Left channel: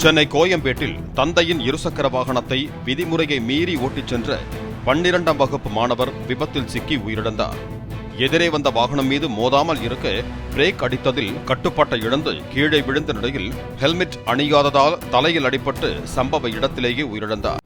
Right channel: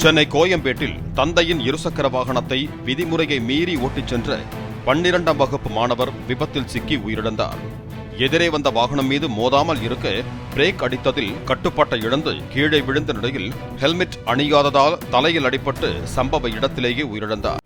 சென்னை கோயம்பேட்டில் தந்தையின் இருசக்கர வாகனத்தை விதிமுறையை மீறி ஓட்டிச் சென்ற 12ஆம் வகுப்பு மாணவர் விபத்தில் சிக்கி உயிரிழந்தார். எதிரே வந்த வாகனம் மீது மோதாமல் இருக்க பிரேக் அடித்ததில் கட்டுப்பாட்டை இழந்து கீழே விழுந்த நிலையில் ஹெல்மெட் அணியாததால் தலையில் அடிபட்டு சம்பவ இடத்திலேயே உயிரிழந்தார்.